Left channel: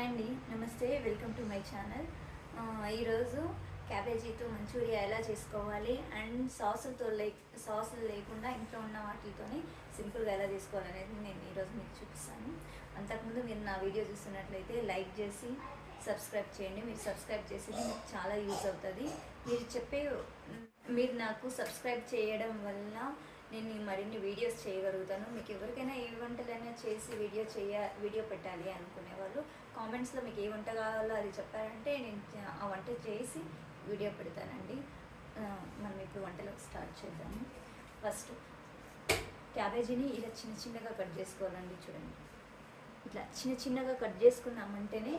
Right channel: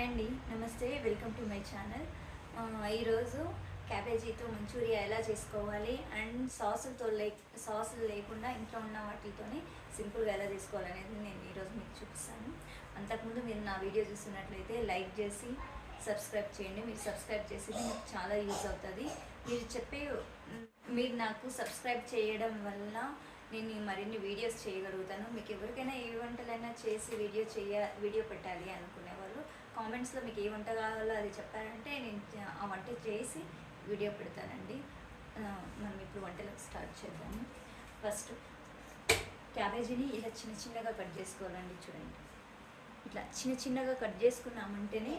Hi అండి, నమస్తే. Welcome to my channel. ఈరోజు క్యాబేజీతో మంచూరియా ఎలా చేసుకోవాలి అండ్ సాసులు లేకుండా ఇంట్లో ఉన్న వాటితోనే సింపుల్గా ఎలా చేసుకోవాలనేది నేను ఈరోజు మీకు చూపిస్తాను. అంతకుముందు మీరు నా వీడియో చూస్తున్నట్లయితే లైక్ చేసి సబ్స్క్రైబ్ చేయండి. మీరు సబ్స్క్రైబ్ చేసేది మీకు చాలా యూజ్ అవుతుంది. మీరు నాకు సబ్స్క్రైబ్ చేయడం వల్ల నేను మరిన్ని వీడియోస్ చేయగలుగుతాను. మీకు ఎవరికైనా ఏ వంటలైనా చేసి వీడియో పెట్టాలి అనుకునే వాళ్ళు కామెంట్స్లో మీకు ఏ వంట కావాలో అది చెప్పారంటే నేను ఆ వంట చేసి వీడియో పెడతానండి. మనం ఇప్పుడు వంటలకు స్టార్ట్ చేద్దాము. ఫస్ట్ క్యాబేజీని ఇలా చిన్న చిన్నగా కట్ చేసుకోవాలండి. చూడండి, ఇట్లా చిన్న చిన్నగా కట్ చేసుకున్నామంటేనే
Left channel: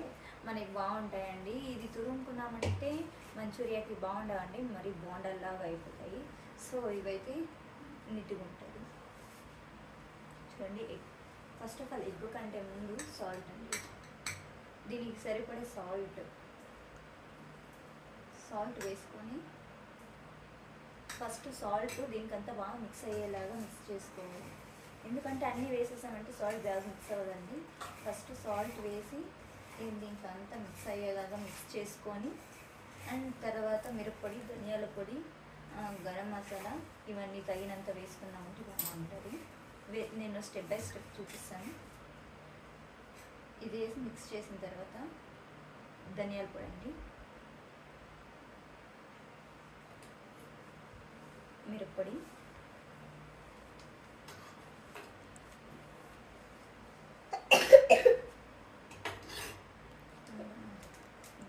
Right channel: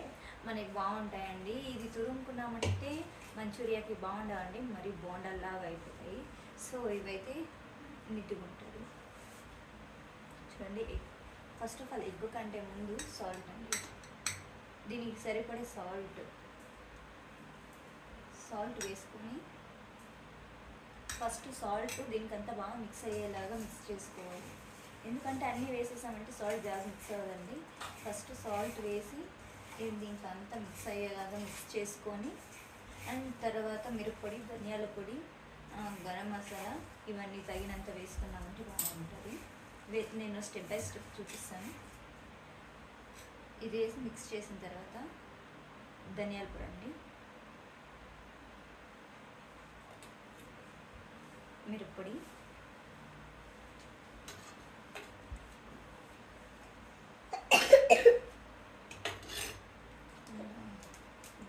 మనకి బాగుంటాయండి. ఇది తురుముకున్నామంటే మంచూరియాకి బాగుండవండి, మరి బోండాల్లాగా అయిపోతాయి. సో ఇవైతే నీట్గా ఉంటుంది. చూడండి, ఫస్ట్ ఆఫ్ ఆల్ ఎగ్ కంటే ముందు సాల్ట్ అండి. దీనికి సరిపడే సాల్ట్ వేసుకొని ఫస్ట్ సాల్ట్ దీనికంతా బాగా మిక్స్ అయ్యేలాగా మిక్స్ చేసుకోవాలి. ఎందుకంటే అన్నీ వేసేసామంటే సాల్ట్ బాగా మిక్స్ అవ్వదండి. ఫస్ట్ సాల్ట్ వేసి దీనికి అంతా మిక్స్ అయ్యేలాగా మిక్స్ చేసుకొని అండ్ తర్వాత మిరప్పొడి, ధనియాల పొడి, గరం మసాలా ఇవన్నీ తగినంత వేసుకున్నామంటే బాగుంటుంది. నేను స్టెప్ బై స్టెప్ చూపిస్తాను. ఇది వేసి మిక్స్ చేసిన తర్వాత ధనియాల పొడి అండి, మిరప్పొడి,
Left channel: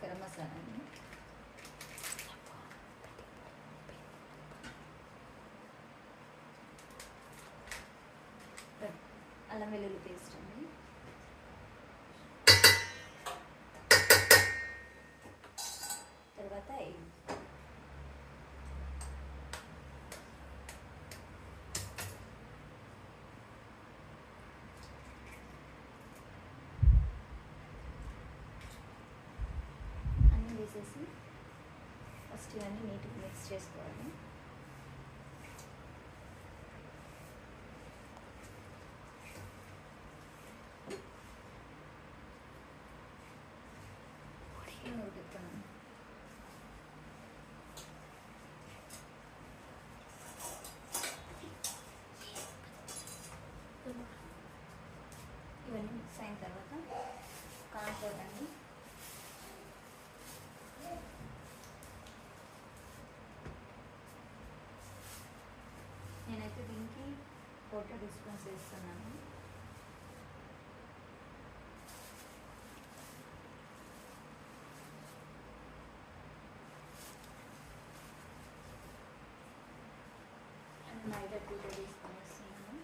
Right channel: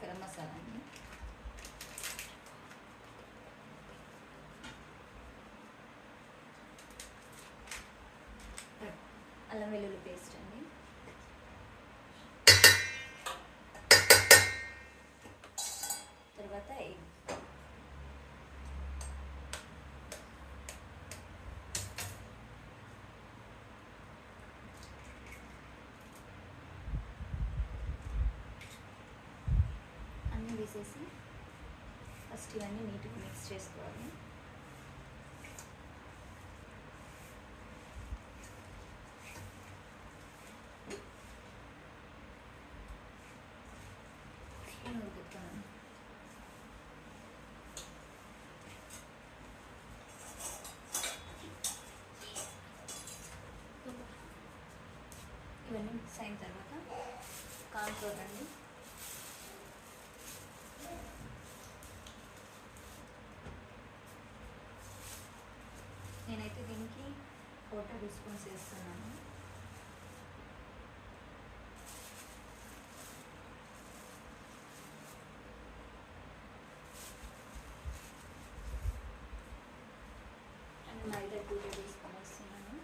గరం మసాలా అండి, అల్లం వెల్లుల్లి పేస్ట్ అండి, తర్వాత ఎగ్, అన్నీ వేసేసి ఫస్ట్ ఇవన్నీ నీట్గా మిక్స్ చేసుకోవాలి. ఇవన్నీ మిక్స్ అయిన తర్వాత కార్న్ఫ్లోర్ అండి, నేనైతే దీనికి 4 టేబుల్ స్పూన్స్ వేస్తున్నాను. అండ్ మైదా 2 టేబుల్ స్పూన్ వేస్తున్నాను.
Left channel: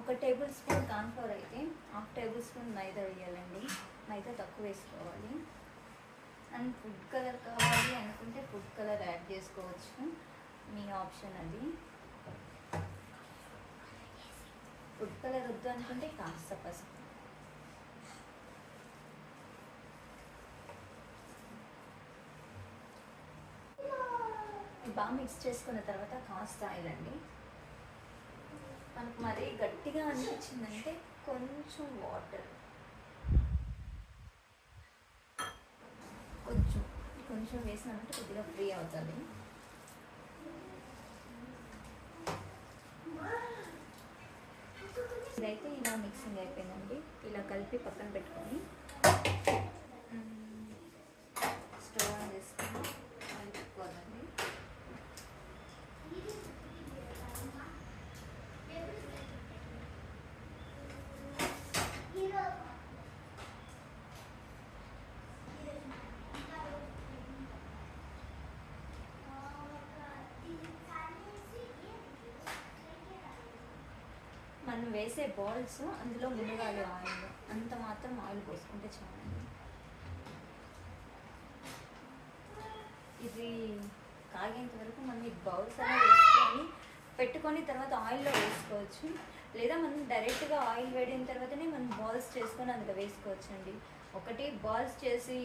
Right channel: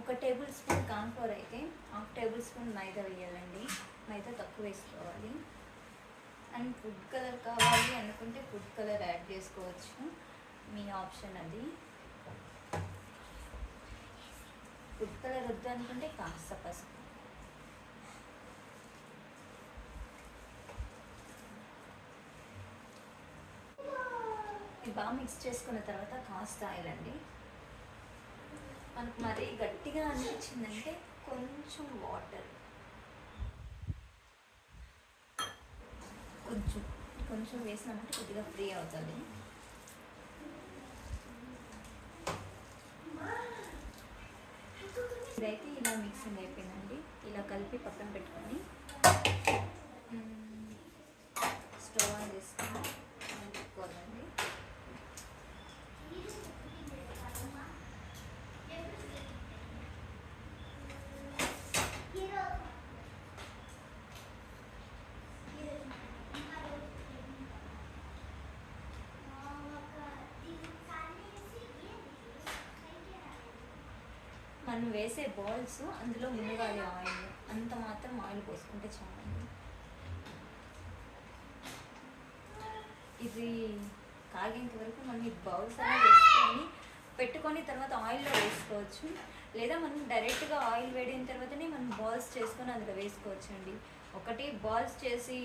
ఒక టేబుల్ స్పూన్ కార్న్ఫ్లోర్ అయితే 1/2 టేబుల్ స్పూన్ మైదా వేయాలండి. మైదా తక్కువ వేసుకోవాలి. అండ్ ఫుడ్ కలర్ కావాలి అనుకుంటే ఫుడ్ కలర్ యాడ్ చేసుకోవచ్చు, మీ ఆప్షన్ అది. ఫుడ్ కలర్ వద్దు అనుకుంటే కాస్త పసుపు. బాగా మిక్స్ చేసుకున్న తర్వాత కాస్త ఆయిల్ అండి. మనకు మరీ గట్టిగా అనిపించిందంటే కొంచెం వాటర్, కొంచెం వేసినామంటే కొద్దిగా ఫ్రీ అవుతుంది. ఇదైతే ఇలా మిక్సింగ్ అయిపోయిందండి. ఇలా కలిపి పక్కన పెట్టుకొని స్టవ్ ఆన్ చేసుకొని పెట్టుకోవాలండి. మనం వేసే బాల్స్ అందులో మునగాలి ఆయిల్, అంత మాత్రం ఆయిల్ పోసుకుంటే చాలండి. ఇది కాగేంత వరకు మనం ఈ బౌల్స్ అలా వేసుకొని పెట్టుకొని తర్వాత ఆయిల్లో వేసుకోవచ్చు, లేదా మనం డైరెక్ట్గా ఆయిల్ వేడిన తర్వాతనే మనం బాల్స్ చేసుకొని అందులో వేసుకోవచ్చు అండి. ఒకటి బాల్స్ చేసి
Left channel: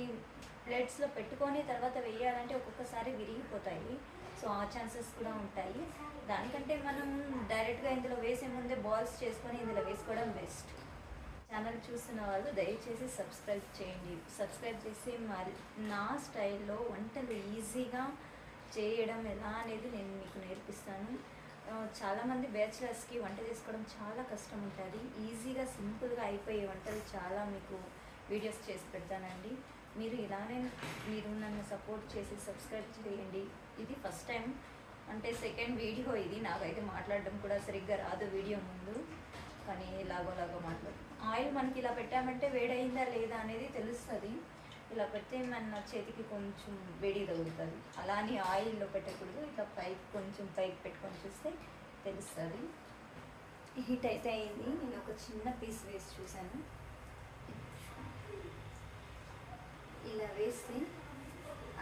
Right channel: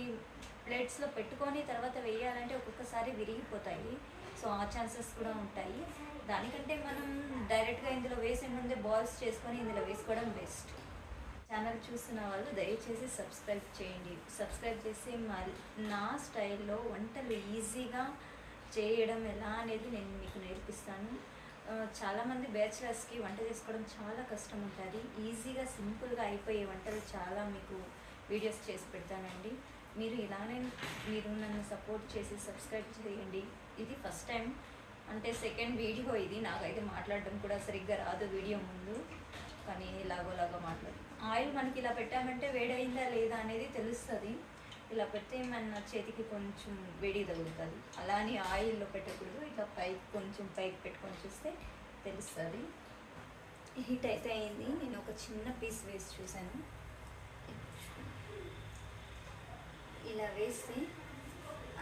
ప్లేట్స్లో పెట్టుకొని తర్వాత వేయాలంటే ఒక్కొక్కసారి విరిగిపోతాయి. సో ఆ ఛాన్సెస్ కూడా ఉంటాయి. దానికంటే మనం డైరెక్ట్గా ఇందులో వేసే ముందే బాల్స్ చేసుకొని ఇందులో వేసుకోవడం బెస్ట్. ఛానల్ చూస్తున్న వాళ్ళు దయచేసి సబ్స్క్రైబ్ చేయండి. సబ్స్క్రైబ్ చేసి నా స్టైల్లో వంటలు ఈజీగా చేయడం ఎలా అనేది నేను మీకు నేర్పిస్తాను. చాలామంది బ్యాచిలర్స్కి వంట చేసుకోవడం చాలా కష్టం ఉంటుంది. ఈజీగా సింపుల్గా అయిపోయే వంటలు చాలా మీకు వీడియోస్ చేసి పెడతానండి. మీరు ఇలానే మీరు నన్ను సపోర్ట్ చేసి సబ్స్క్రైబ్ చేయండి. ఇది ఫస్ట్ టైం అంటే సెకండ్ వీడియో ఇది. నాకైతే మాట్లాడడం కూడా సరిగ్గా రాదు వీడియో ముందు, కానీ లాగోలాగా మాట్లాడు. ఆయిల్ మనకి ఇలా పెట్టామంటే వేడైందా లేదా అనేది తెలుస్తుంది. ఇలా పెడితే మన చేతికి కొంచెం వేడి తగులుతుంది. అలానే ఆయిల్లో పెట్టకూడదు. ఇట్లా పైకి కొంచెం పైకి పెట్టుకొని చూస్తే తెలుస్తుంది. హీట్ అయితే అయింది. నేను ఒక చిన్న పీస్ వేసి చూశాను. ఇలా వేస్తే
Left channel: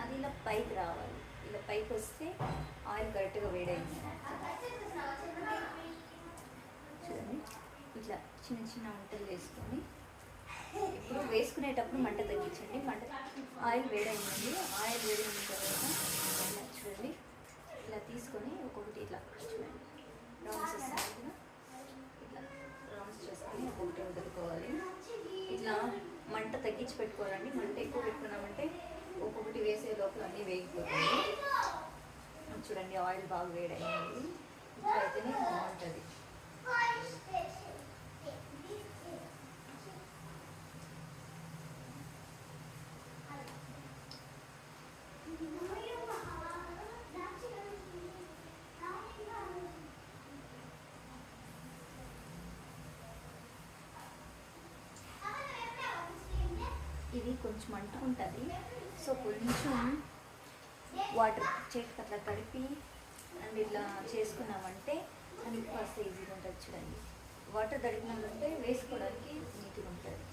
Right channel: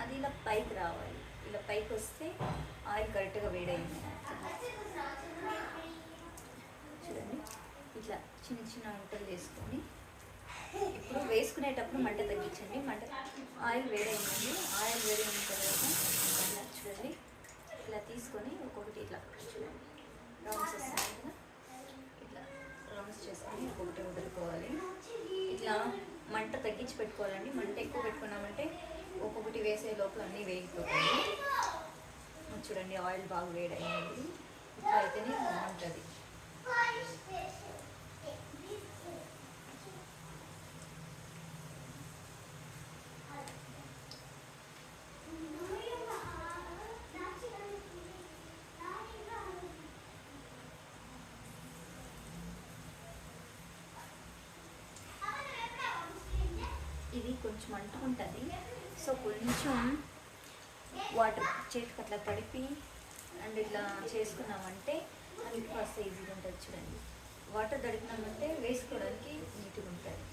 అది ఇలా పైకి రావాలి. ఇలా పైకి వస్తే ఆయిల్ కరెక్ట్గా వేడైంది. చూడండి, ఇట్లా చిన్న చిన్న వంటలు వేసుకొని ఇప్పుడు వేసుకునేటప్పుడు మంట తగ్గించండి. ఆయిల్ వేడైందండి. ఆయిల్ వేడైన తర్వాత ఇలా చూడండి, ఇలా తీసుకొని ఒక్కొక్కటి ఇట్లా చూడండి రౌండ్స్ వస్తాయి కదా, ఇట్లా రౌండ్స్ చేసుకొని ఒక్కొక్కటి వదులుకోవాలి. ఇట్లా మంట తగ్గించి పెట్టుకోవాలండి. మంట ఎక్కువ పెట్టుకున్నామంటే ఒక్కొక్కటి వేసే లోపల అన్నీ వేగిపోతాయి. చూడండి, ఆయిల్ బాగా వేడైంది. ఇట్లా అయితేనే బాగుంటుంది. ఇది కొంచెం అంటుకుంటుంది. సో కొంచెం వాటర్ చేతికి అట్లా తడిపి అండ్ ఇట్లా చేసుకున్నామంటే అది కాస్త ఈజీగా ఉంటుంది. చూడండి, వాటర్ తడిపినామంటే వేసుకోవడానికి నీట్గా ఉంటుంది.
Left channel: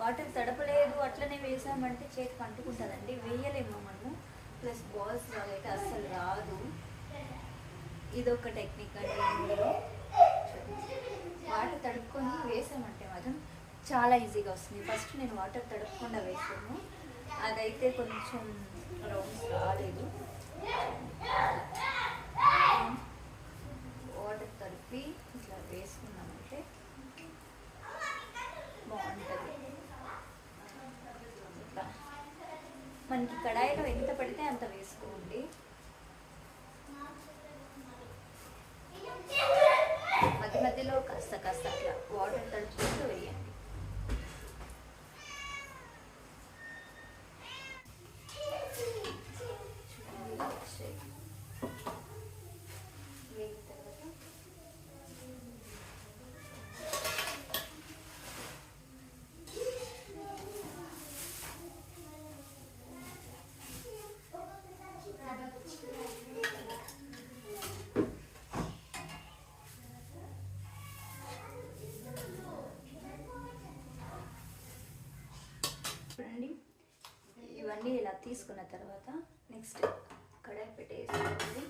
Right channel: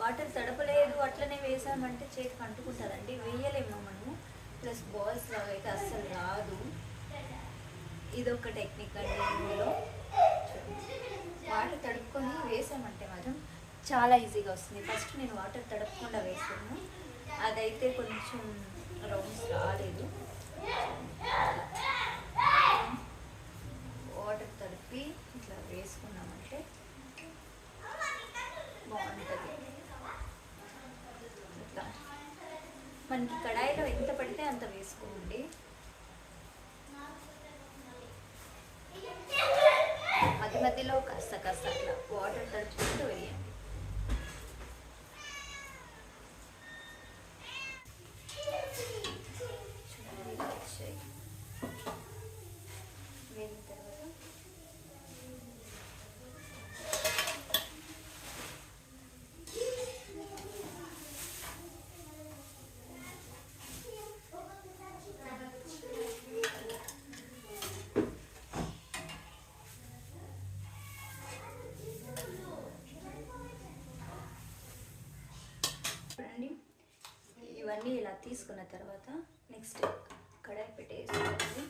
వాటర్ తడపలేదు అట్లనే వేసామంటే చేతికి అంటుకుంటుందండి, వేయలేము మనము. ప్లస్ బాల్స్ లాగా అయితే అస్సలు రాదు. ఇదొక టెక్నిక్ అండి. ఇందులో వాటర్ తడుపుకొని వేసామంటే మాత్రం చాలా ఈజీగా వస్తుంది. ఫస్ట్ నేను వాటర్ తడపకుండా వేసాను, అదైతే కొంచెం రౌండ్స్ రాలేదు. వాటర్ తడిపి ఇట్లా వేసుకున్నామంటే బాగుంటుంది. ఇట్లా మనకి కడాయిలో ఎంత పడితే అంత వేసుకోండి. మధ్య మధ్యలో కాస్త కాస్త అట్లా వాటర్ తడుపుకుంటూ వేయండి. చూడండి, ఇవన్నీ ఇలా తీసుకున్న తర్వాత నెక్స్ట్ కడాయి పెట్టేసుకోండి.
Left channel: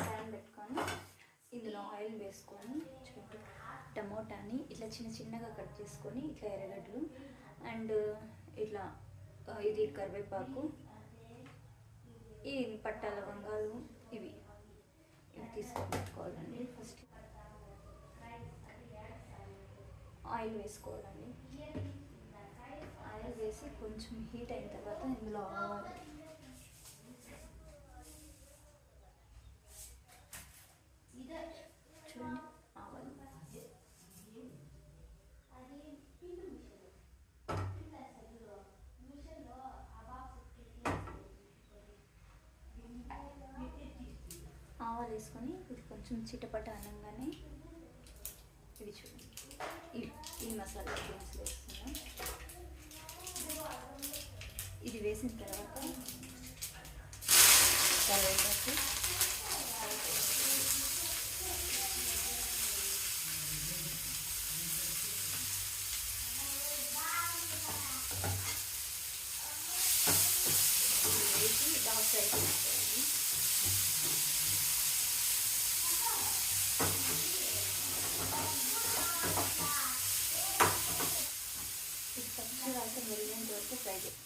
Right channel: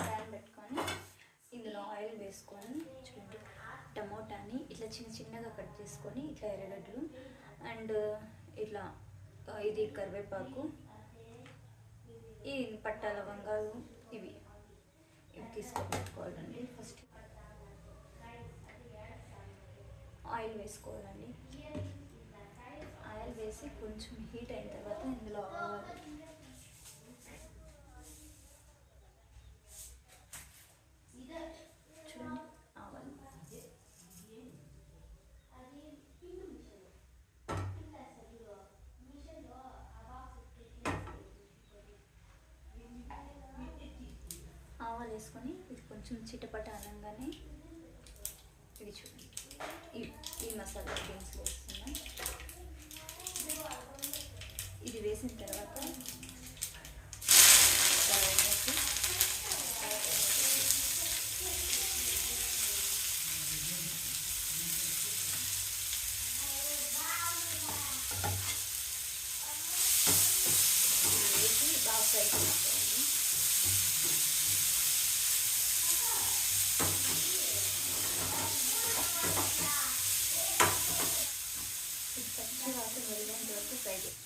ప్యాన్ పెట్టుకొని ఇందులో ఆయిల్ వేసుకొని చూడండి, టమోటాని ఇట్లా చిన్న చిన్నగా కట్ చేసుకొని ఇట్లా ఎర్రగడ్డలు అండ్ ఇట్లా ఇది కరివేపాకు, ఈ పట్ట లవంగాలు ఇవి తీసుకొని పెట్టుకోవాలండి. ఫస్ట్ ఆయిల్ వేసుకోవాలండి. ఆయిల్ వేసి కొంచెం హీట్ అయిన తర్వాత ఇందులో చూడండి ఆవాలు, ఆవాలు వేసుకొని ఇది కొంచెం చిటపట అనగానే ఇవి చూడండి, ఈ మసాలా దినుసులు వేస్తున్నాం. ఇది వేసిన తర్వాత వేసి బాగా ఫ్రై చేసుకోండి. ఇది పచ్చి వాసన వెళ్ళేంత వరకు ఫ్రై చేయండి.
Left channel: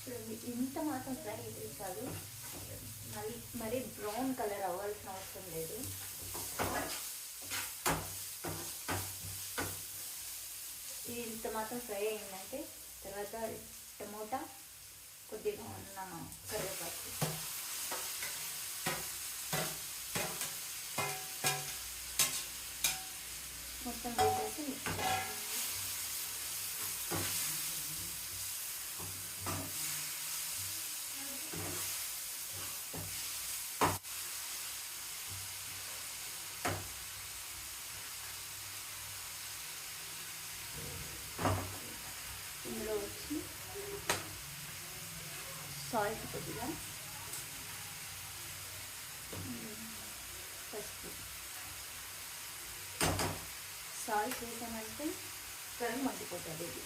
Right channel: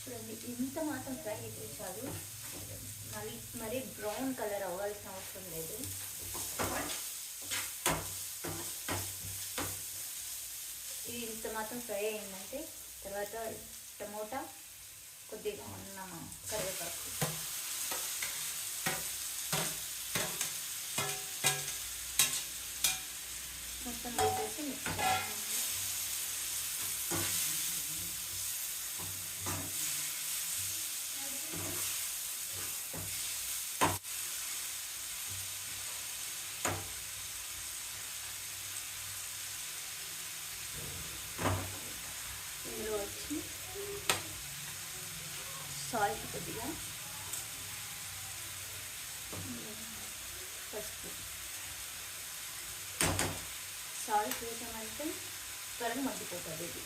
చూడండి, ఇంత మాత్రం ఫ్రై అయితే చాలు, మరీ బ్రౌన్ కలర్ అవ్వాల్సిన అవసరం లేదు. ఇది ఇంత మాత్రం ఫ్రై అయిందంటే తర్వాత టమోటా, కొద్దిగా ఉన్న కరివేపాకు మొత్తం వేసేసి మిక్స్ చేయాలి. ఇందులో వచ్చి సాల్ట్ కొద్దిగా, పసుపు. సాల్ట్ వేసామంటే త్వరగా మగ్గిపోతుంది ఇది.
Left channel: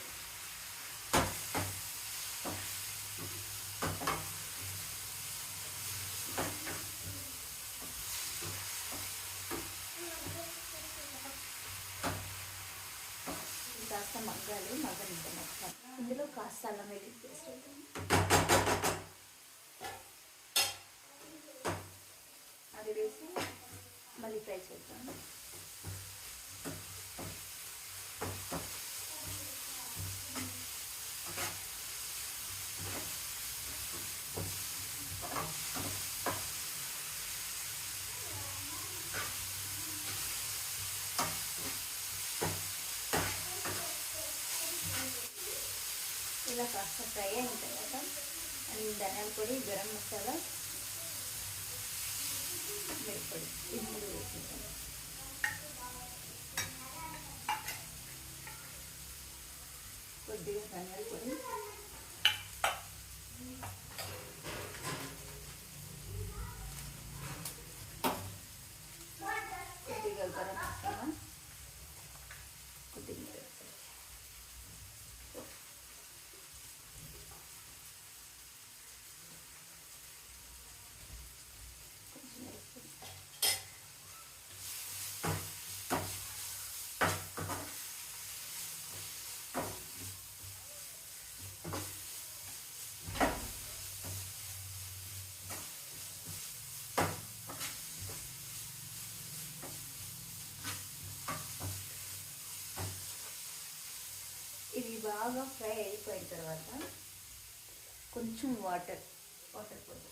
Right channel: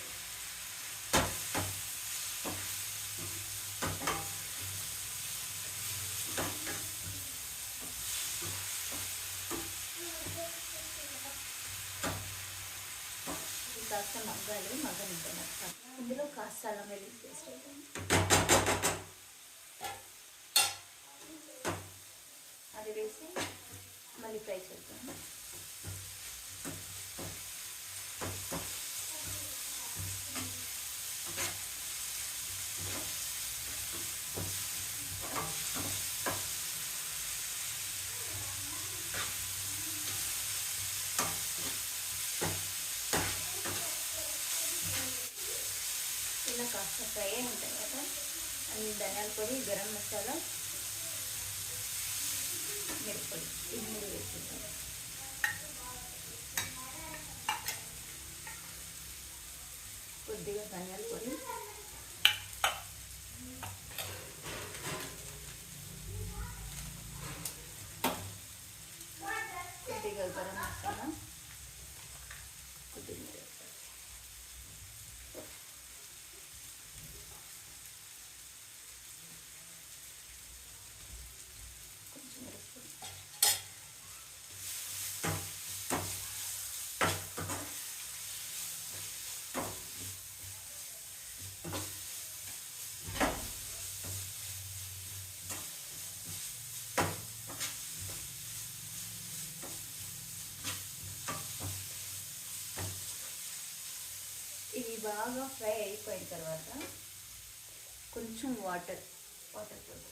కాస్త మగ్గాలి, మగ్గనిద్దాం ఒకసారి. ఇందులో కాస్త అల్లం వెల్లుల్లి పేస్ట్ వేద్దాం. అది వేసి మళ్ళీ ఫ్రై చేద్దాం. ఇలా కాస్త ఫ్రై అయిన తర్వాత ధనియాల పొడి, గరం మసాలా, మిరప్పొడి ఇది 3 వేసేద్దాం. కొద్దిగా ధనియాల పొడి, కొద్దిగా గరం మసాలా, కొద్దిగా ఇది బాగా ఫ్రై అయిపోయిన తర్వాత కొంచెం వాటర్ పొడి,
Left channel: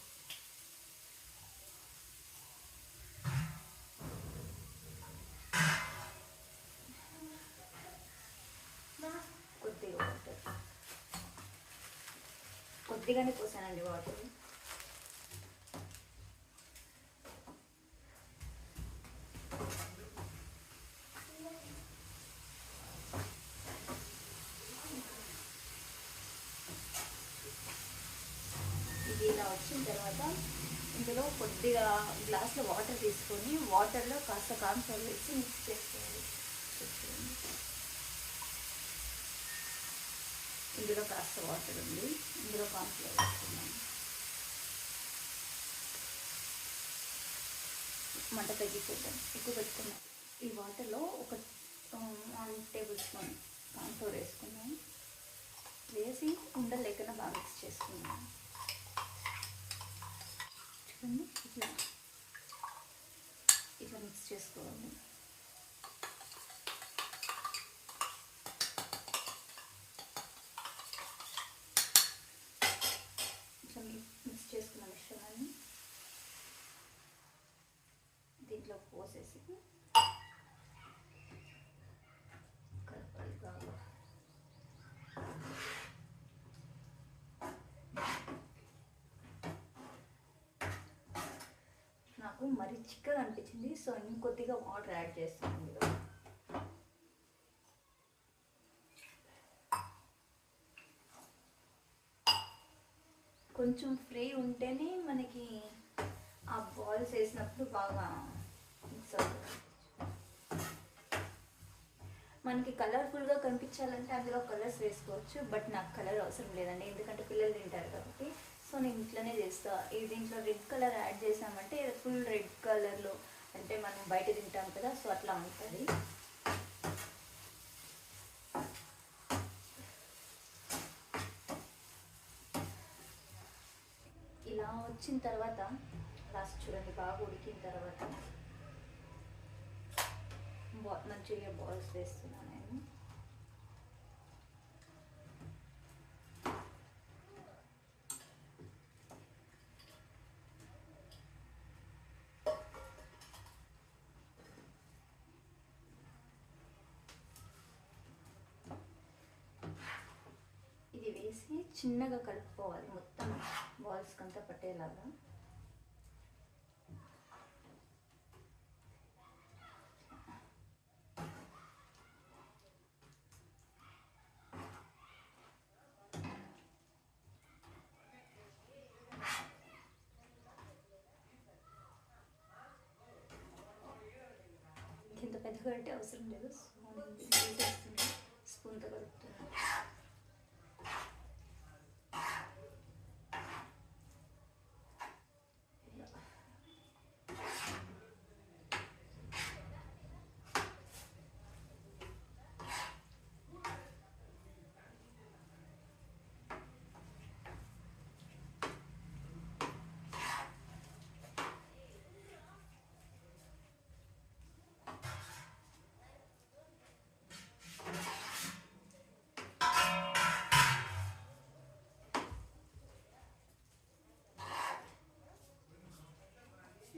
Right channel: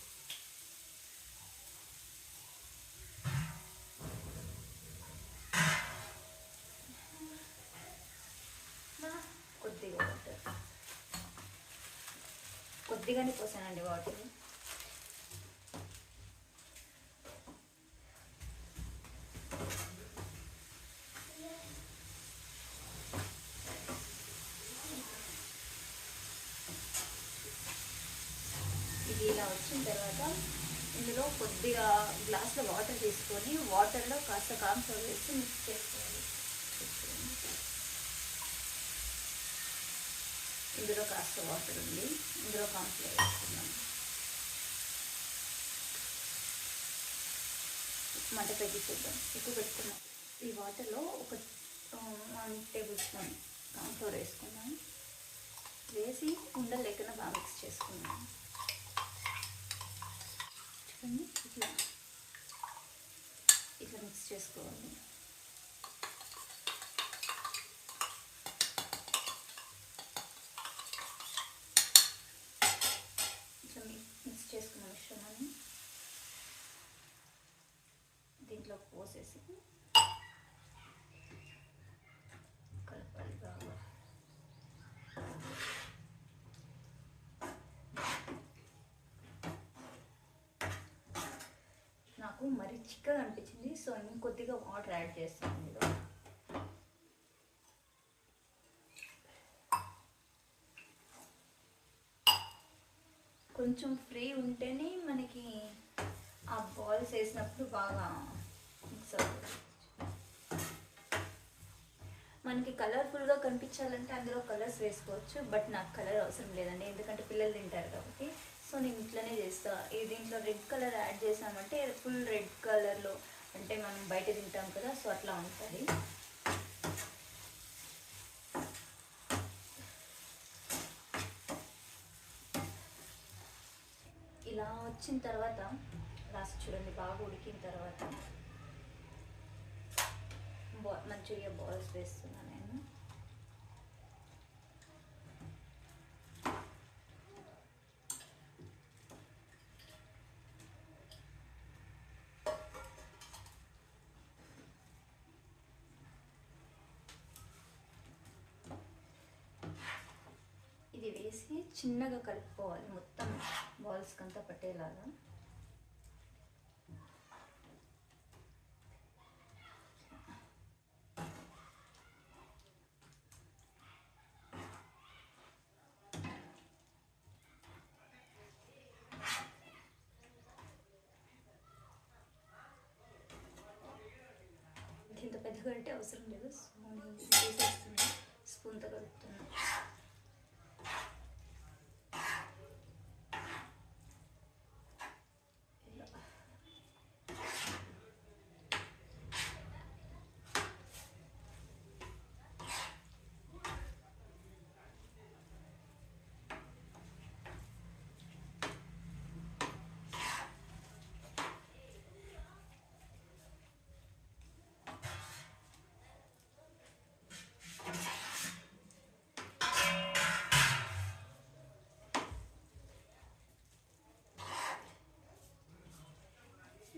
కొద్దిగా వాటర్, కొద్దిగానే పోసానండి వాటర్. ఇది ఇలా వచ్చిన తర్వాత ఇందులో కొద్దిగా గ్లాస్లో వాటర్ తీసుకొని వాటర్లో కాస్త కార్న్‌ఫ్లోర్ వేసి మిక్స్ చేసుకోవాలి. ఇందులో కాస్త వాటర్ ఉంది, ఇందులో కార్న్‌ఫ్లోర్ వేసుకున్నాం. మంట తగ్గించేద్దాం, ఎక్కువ పెట్టుకున్నాం. ఈ వాటర్లో ఒక 1 టేబుల్ స్పూన్ కార్న్‌ఫ్లోర్ వేసుకున్నాం. వేసి ఉండలు లేకుండా బాగా మిక్స్ చేసుకున్నాం. చూడండి, ఇట్లా మిక్స్ చేసుకోవాలి. ఇట్లా మిక్స్ చేసుకున్న మిశ్రమాన్ని దీంట్లో పోసేసి కలపాలి బాగా. నాకు మరీ చిక్కగా అనిపించింది, సో ఇంకొద్దిగా వాటర్ యాడ్ చేస్తాను ఇందులో. కొంచెం ఫ్రీ ఉంటేనే మనకి ఆ బాల్స్ వేసినప్పుడు బాగా మిక్స్ అవుతుంది. మనకి కలర్ఫుల్గా కనిపించాలంటే అందులో కలర్స్ వేసుకోవచ్చు, బట్ నాకు కలర్ అవసరం లేదండి, ఎందుకంటే పిల్లలు తింటారు కాబట్టి. సో నేను ఇట్లనే చేస్తా. దీంట్లో రెడ్ కలర్ యాడ్ చేసామంటే ఫుల్ రెడ్ కలర్లో, అంటే మనం బయట తింటాం కదా, సో అట్లా ఉంటుంది. వచ్చిన తర్వాత లాస్ట్ చూడండి బాగా ఉడికిన తర్వాత మంచూరియా బాల్స్ వేస్తున్నాను నేను. ఇది వేసి చిన్నగా కలుపుకోవాలి మొత్తం బాల్స్కి అంతా పట్టేలాగా. ఇంత పెద్దగా అంటే అవసరం లేదు. సో నేను వేసేస్తున్నా, స్పూన్తో కలుపుతున్నాను.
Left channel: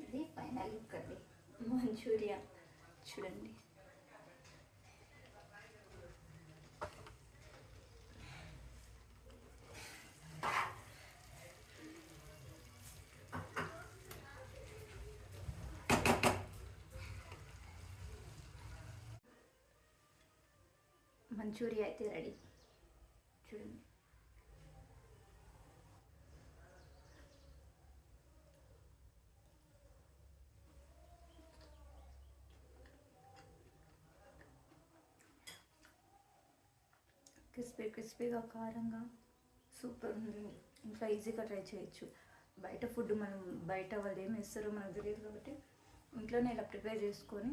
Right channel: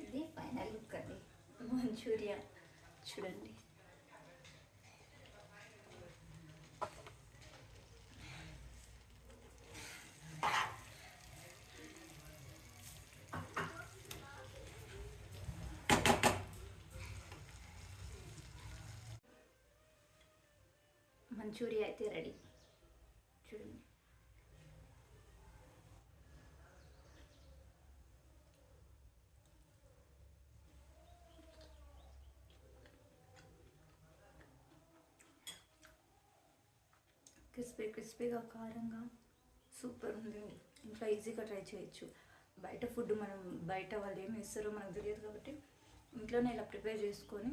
ఇది ఫైనల్ లుక్ అండి మంచూరియా చూడండి. మంచూరియా అయితే రెడీ చూడండి. క్రిస్పీగా కారంగా సూపర్ ఉంది. ఇంట్లో ఈజీగా ట్రై చేయొచ్చు. బయట ఫుడ్ మనం బయట వాళ్ళు ఏమి ఇస్తారో మనకు తెలియదు కాబట్టి ఇంట్లోనే ఇలా ప్రిపేర్ చేసుకొని